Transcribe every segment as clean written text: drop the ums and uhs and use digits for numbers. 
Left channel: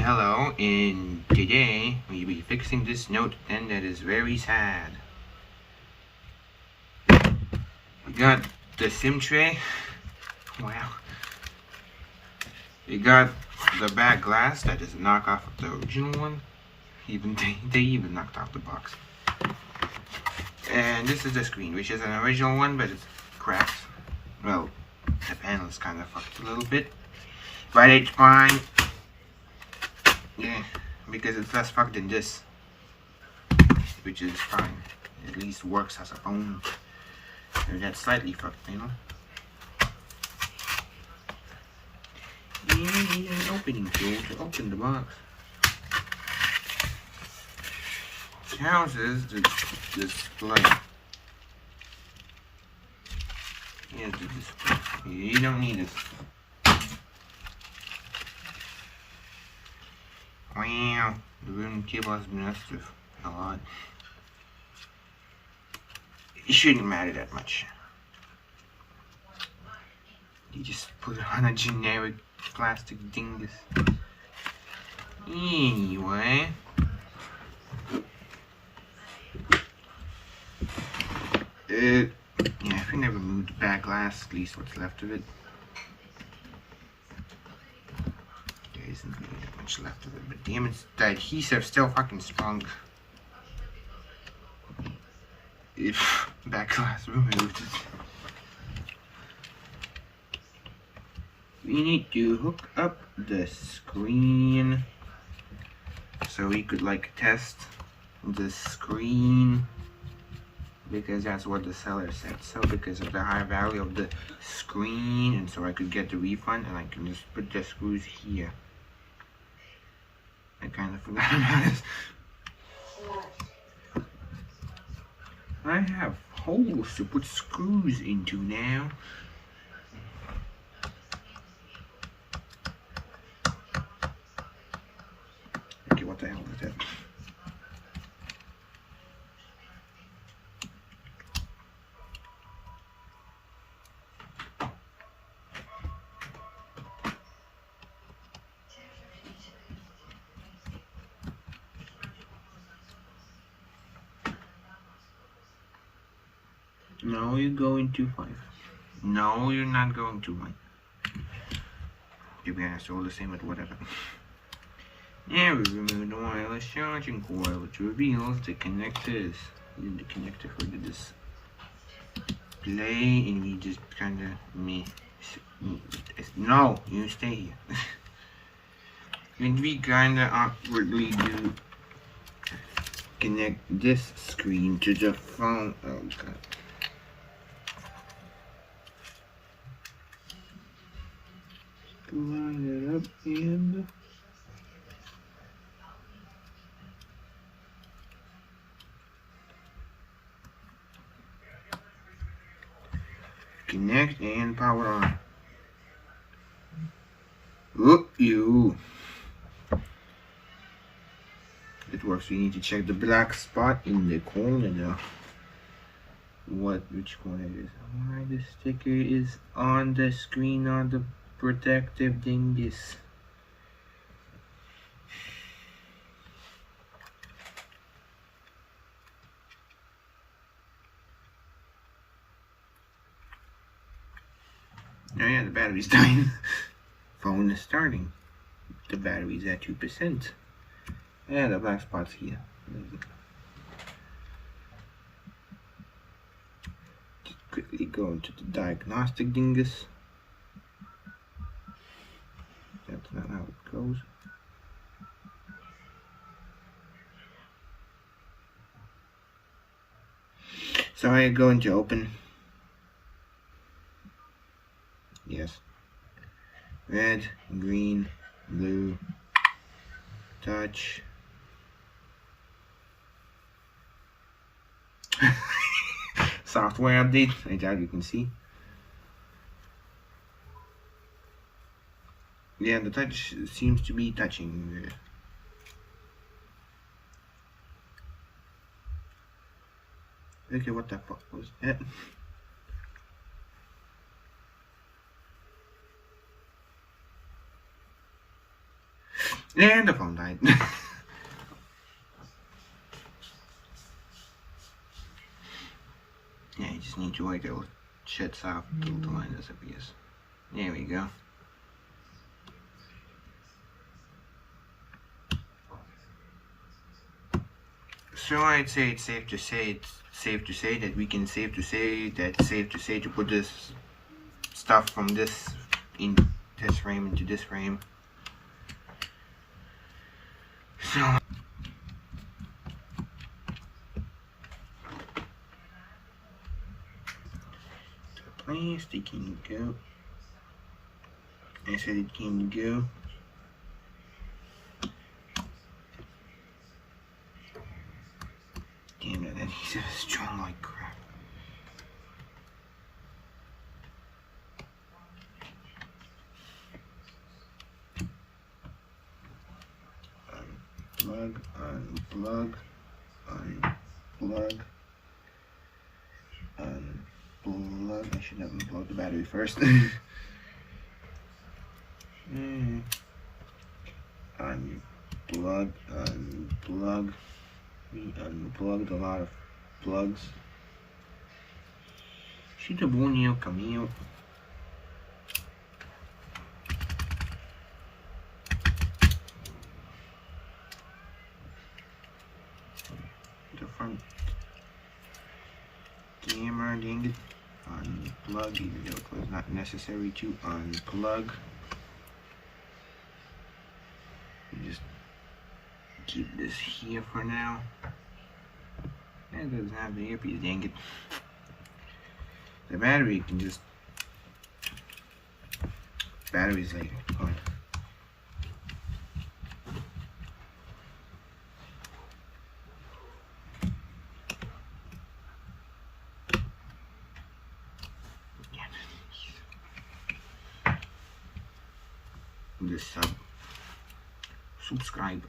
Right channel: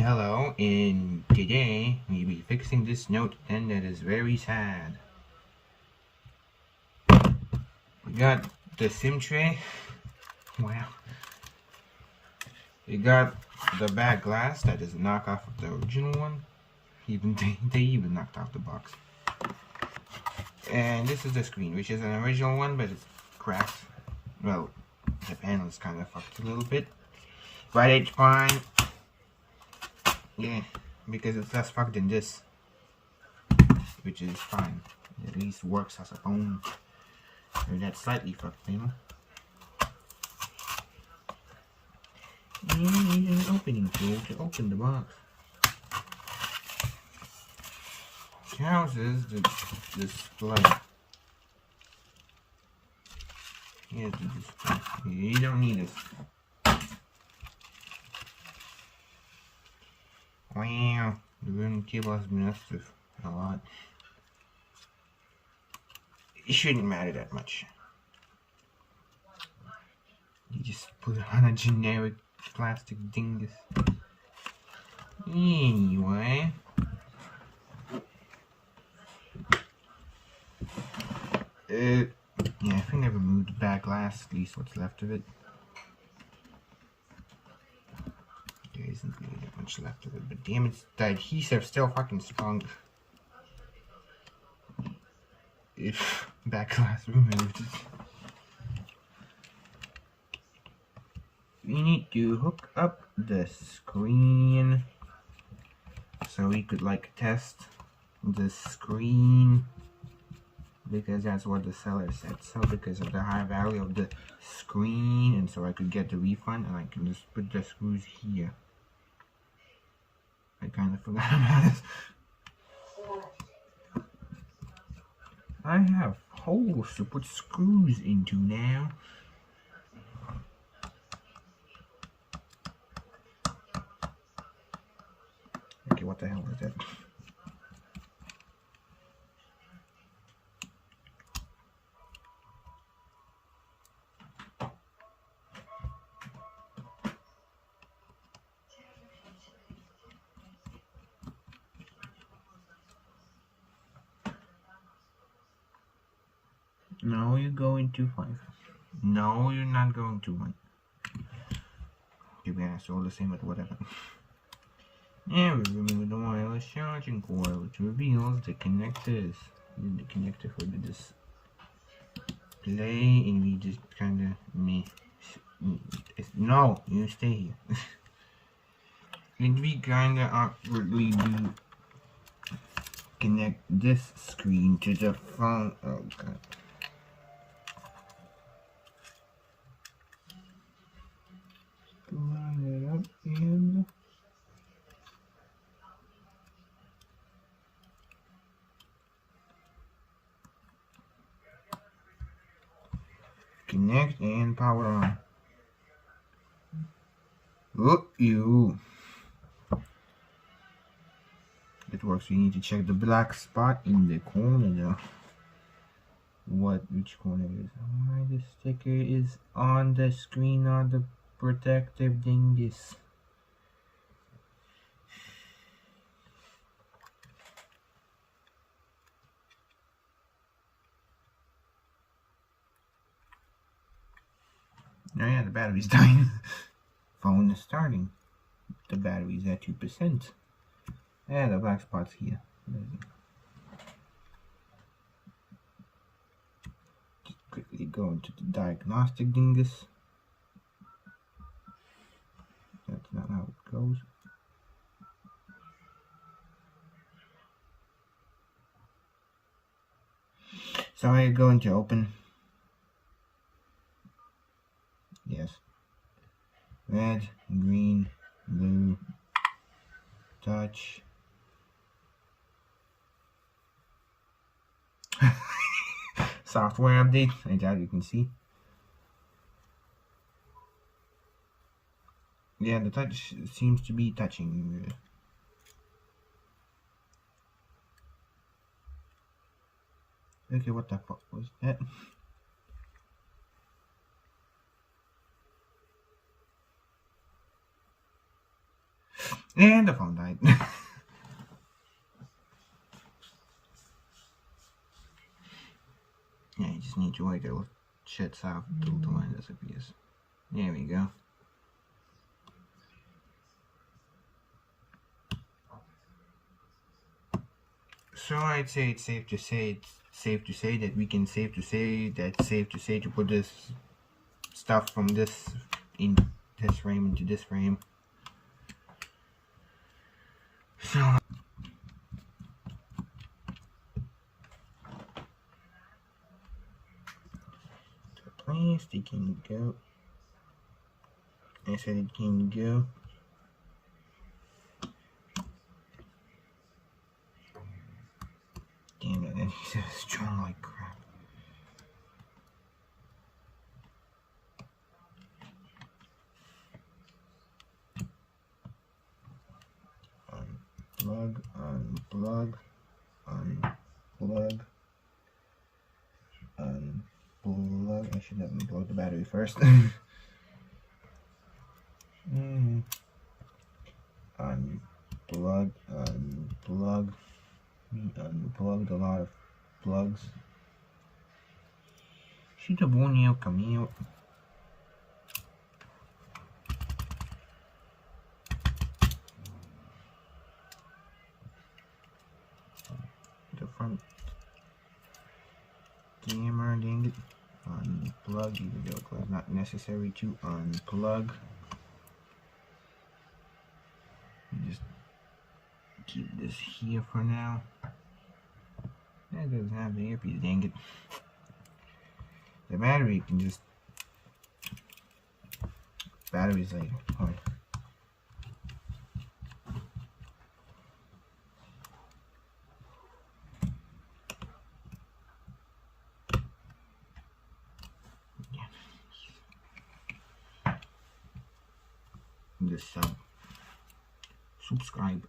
Hello, and today we'll be fixing this Note 10 that is very sad. We got the SIM tray. Wow. We got the back glass that is a knockoff of the original one. They even knocked off the box. And this is the screen, which is an original one, but it's cracked. Well, the panel is kind of fucked a little bit. But it's fine. Yeah, because it's less fucked than this, which is fine. It at least works as a phone. And that's slightly fucked, you know. And you need an opening tool to open the box. It houses the display. Here's the display. You don't need this. Wow, the room cable has been messed with a lot. It shouldn't matter that much. You just put it on a generic plastic dingus. Anyway. Yeah, I think I removed the back glass, at least what's left of it. There isn't really that much left of it, but damn it, the adhesive's still fucking strong. If back glass removed it. We need to hook up the screen so we could like test the screen, because that's what the seller said. So because of the high value of the screen, and so I could get the refund, and I can just put the screws here. I kind of forgot about this. I have holes to put screws into now. Okay, what the hell is that? No, you're going to 5. No, you're not going to 1. To be honest, all the same, but whatever. Now we remove the wireless charging coil, which reveals the connectors. The connector for the display, and we just kind of no, you stay here. And we kind of awkwardly do connect this screen to the phone. Oh god. Line it up and connect and power on. Look you. It works. We need to check the black spot in the corner though. Which corner it is? Why the sticker is on the screen on the protective dingus. Oh yeah, the battery's dying. Phone is starting. The battery's at 2%. Yeah, the black spot's here. Just quickly go into the diagnostic dingus. That's not how it goes. So I go into open. Yes. Red, green, blue, touch. Software update, I doubt you can see. Yeah, the touch seems to be touching. Okay, what the fuck was that? And the phone died. Yeah, you just need to wait till it shuts off the line disappears. There we go. So I'd say it's safe to say that we can safe to say to put this stuff from this in this frame into this frame. So the plastic can go. I said it can go. Damn it, that adhesive is strong like crap. Unplug, unplug, unplug, unplug. I should have unplugged the battery first. Unplug, unplug. We unplugged a lot of plugs. Should have one out come out. The front camera, dang it. Unplug, even though it was not necessary to unplug. You just keep this here for now. That doesn't have the earpiece, dang it. The battery can just batteries later. Come on. Just subscribe.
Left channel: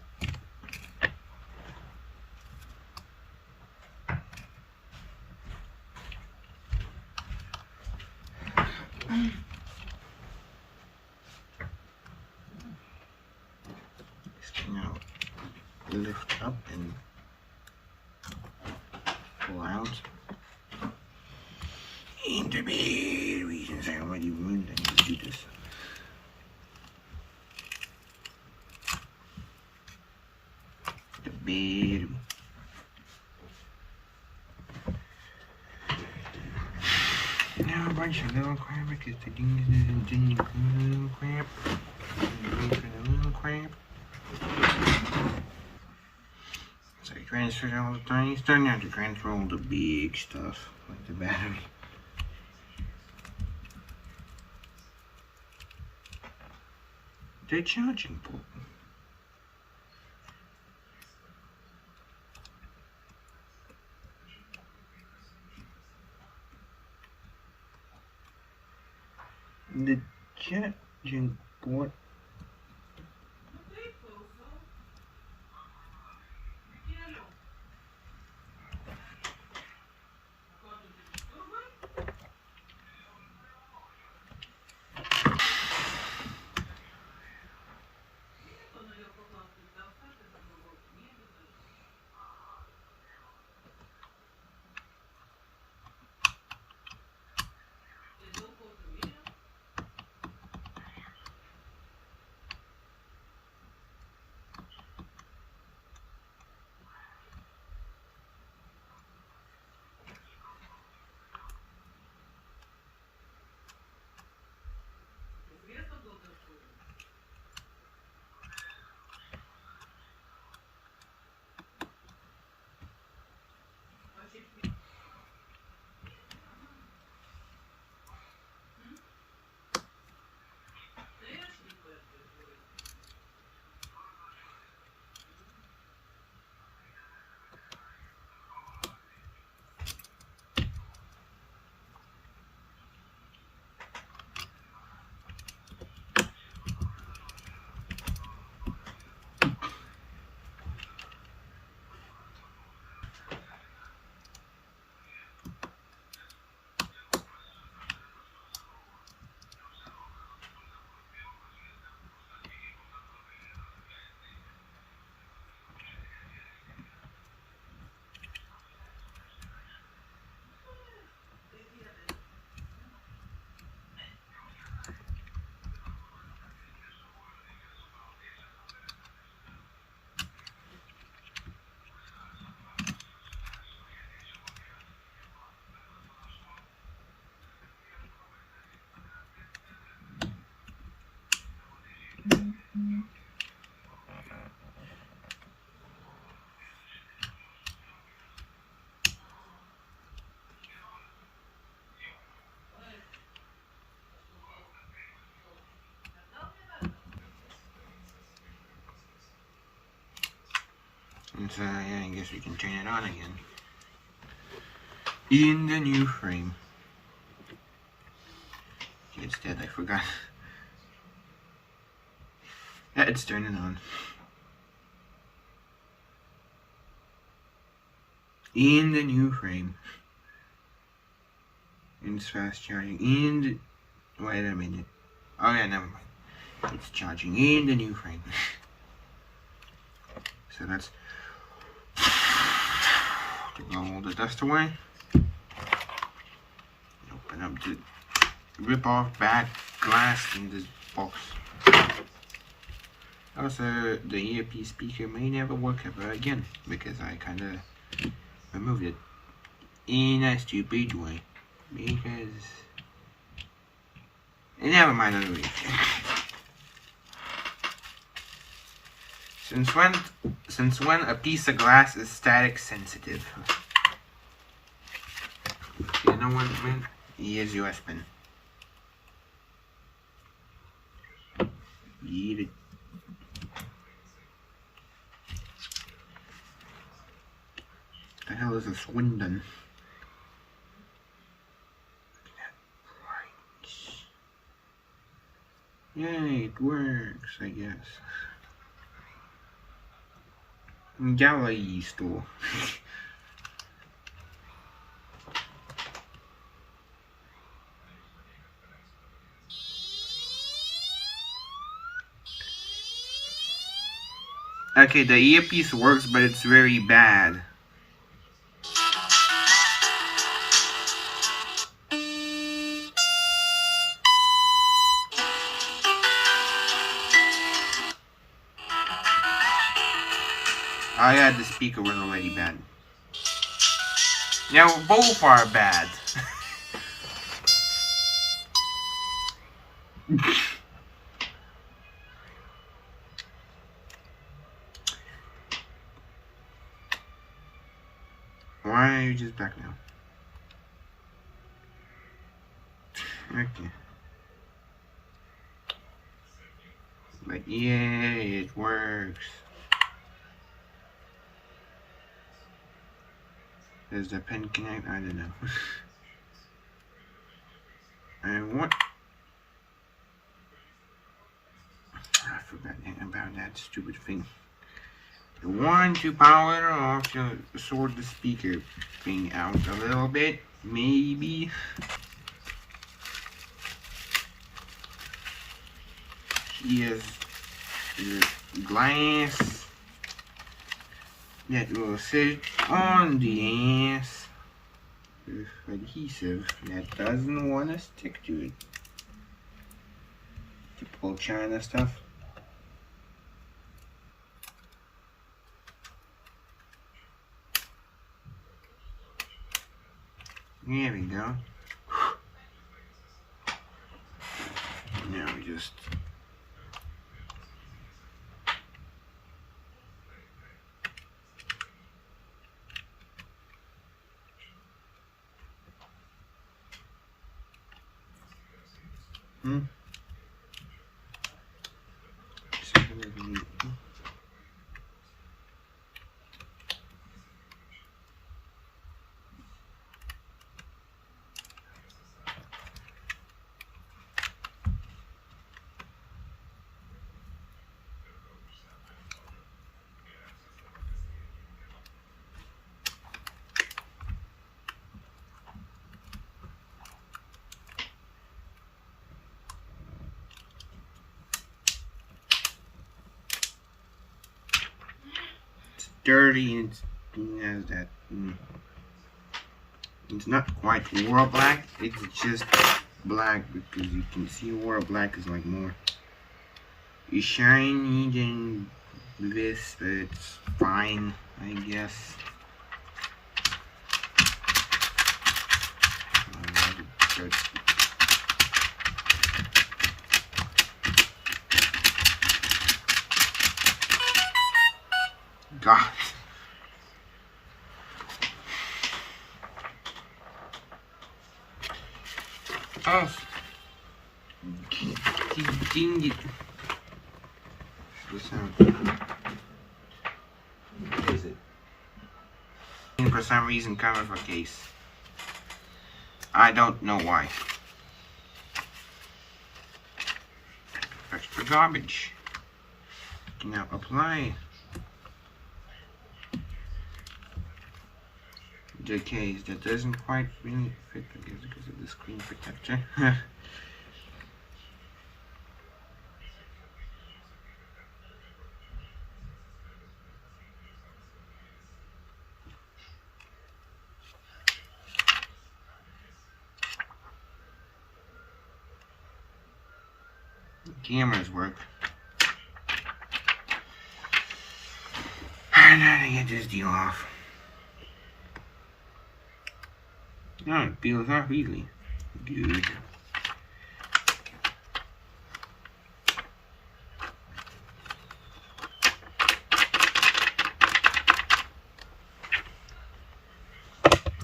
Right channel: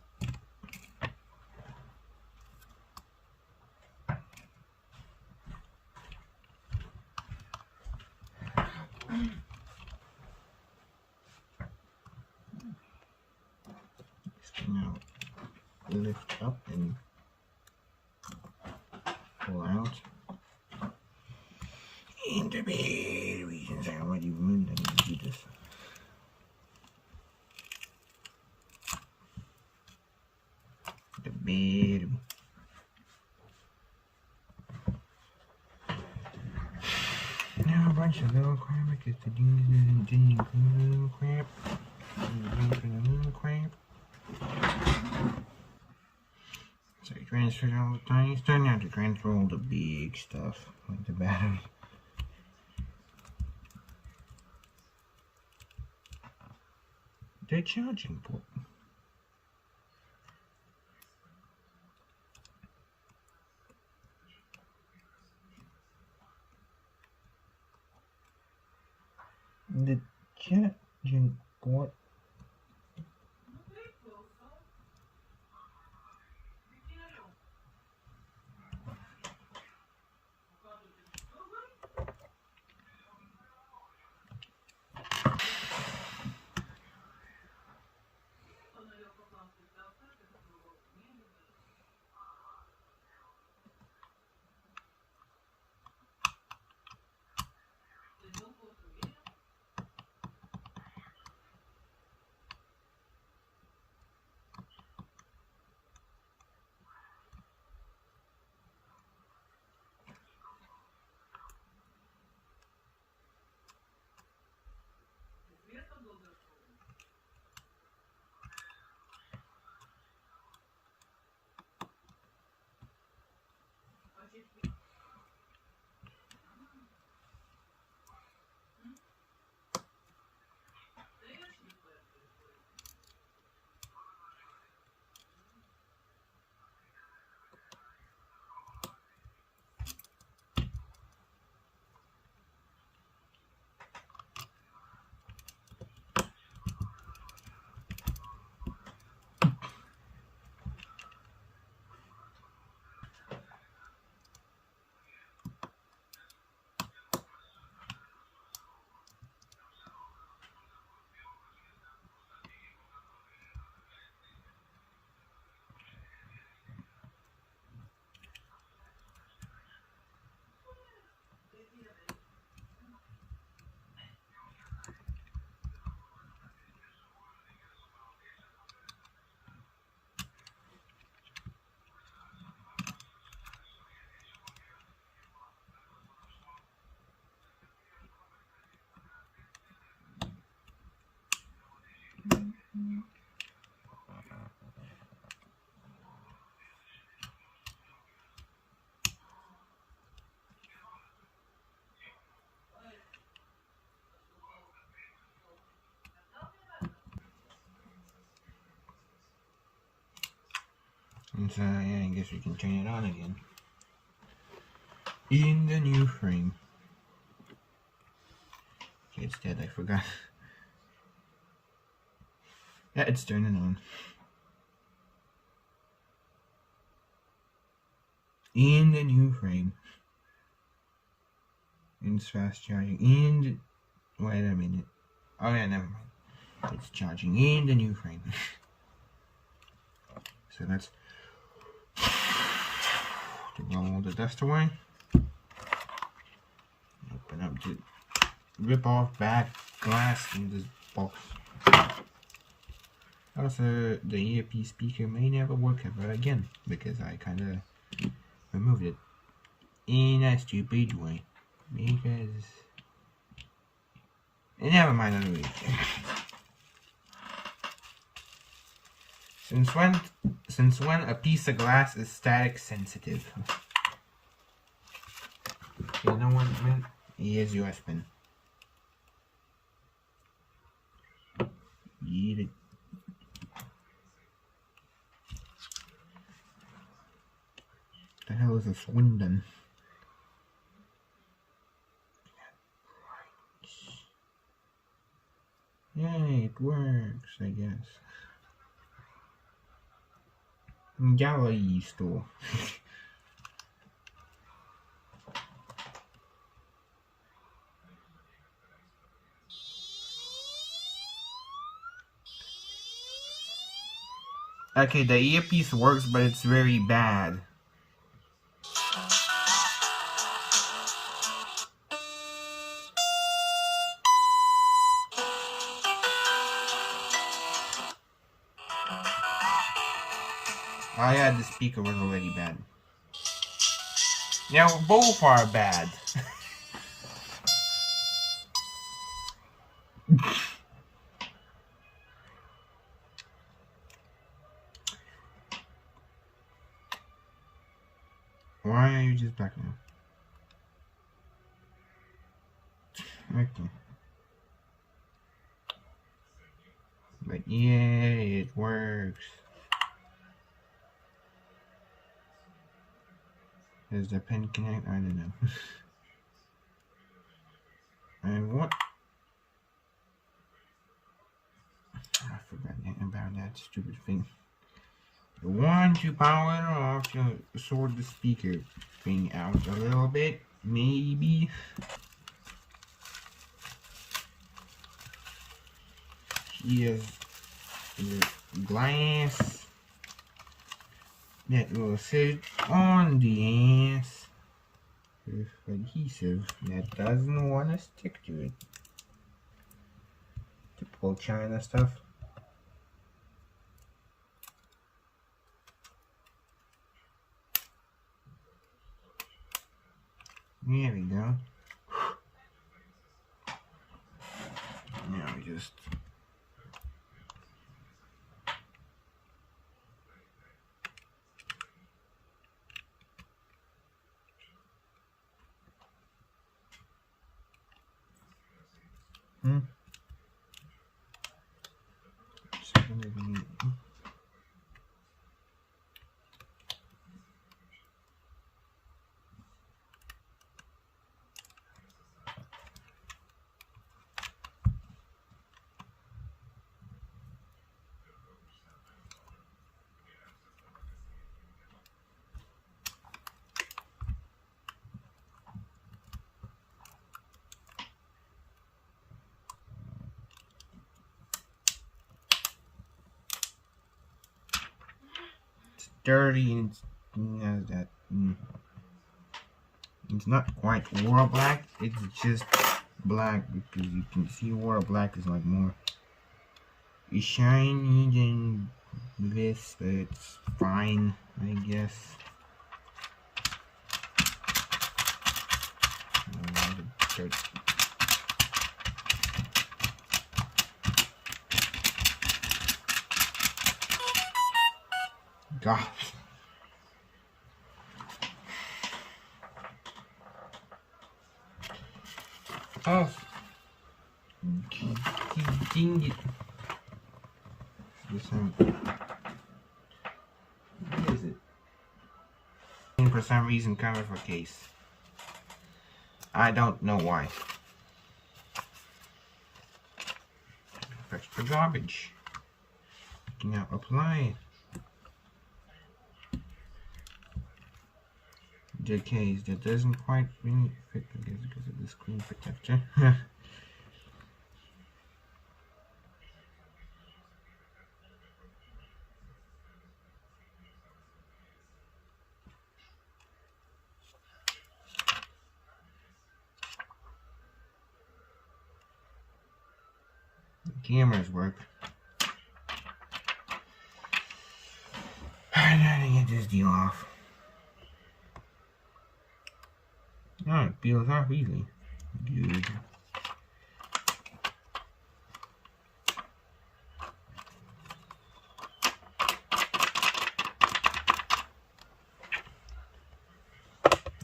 Now lift up and pull out. And the batteries inside. What do you mean? I need to do this. The battery. Now a bunch of little crap because the thing didn't little crap. Little crap. So I transfer all the tiny stuff. Now to transfer all the big stuff, like the battery. The charging port. The charging port. So yeah, I guess we can turn it on again. In the new frame. Okay, it's dead, I forgot. Yeah, it's turning on. In the new frame. It's fast charging. Wait a minute. Oh yeah, never mind. It's charging in the new frame. So that's to blow all the dust away. Open up the rip off bad glass in this box. Also, the earpiece speaker may never work ever again because I kinda removed it in a stupid way. Because never mind anyway. Since when a piece of glass is static sensitive? You know what I mean? Here's your spin. Eat it. The hell is a Swindon? Yay, it works, I guess. Galaxy store. Okay, the earpiece works, but it's very bad. Oh yeah, the speaker was already bad. Yeah, both are bad. Why are you just back now? Okay. But yeah, it works. Does the pen connect? I don't know. I forgot about that stupid thing. You want to power it off to sort the speaker thing out a little bit, maybe. Here's the glass that will sit on the ass with adhesive that doesn't want to stick to it. Typical China stuff. There we go. Now we just dirty and it has that. It's not quite War Black, it's just black because you can see War Black is like more shiny than this, but it's fine, I guess. God. Oh, ding it. What is it? for some reason cover for case. I don't know why. Extra garbage. Now apply the case. That doesn't quite really fit because of the screen protector. Cameras work. And now to get this deal off. No, it peels off easily. Good.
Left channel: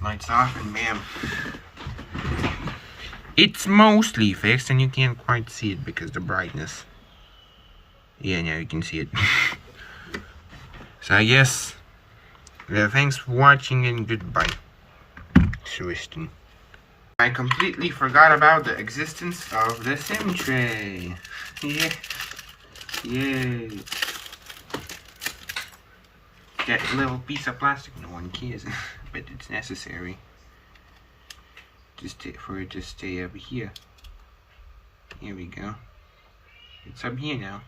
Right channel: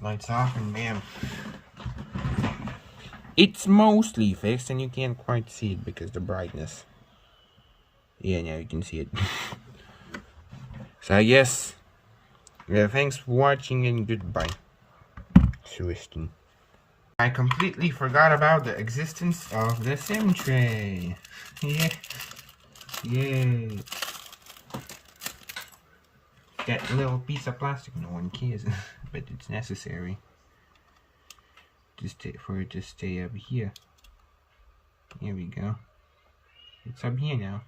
Lights off and bam. It's mostly fixed and you can't quite see it because of the brightness. Yeah, now you can see it. So yes, thanks for watching and goodbye. Tristan. I completely forgot about the existence of the SIM tray. Yeah. Yay. That little piece of plastic no one cares, but it's necessary. Just for it to stay up here. Here we go. It's up here now.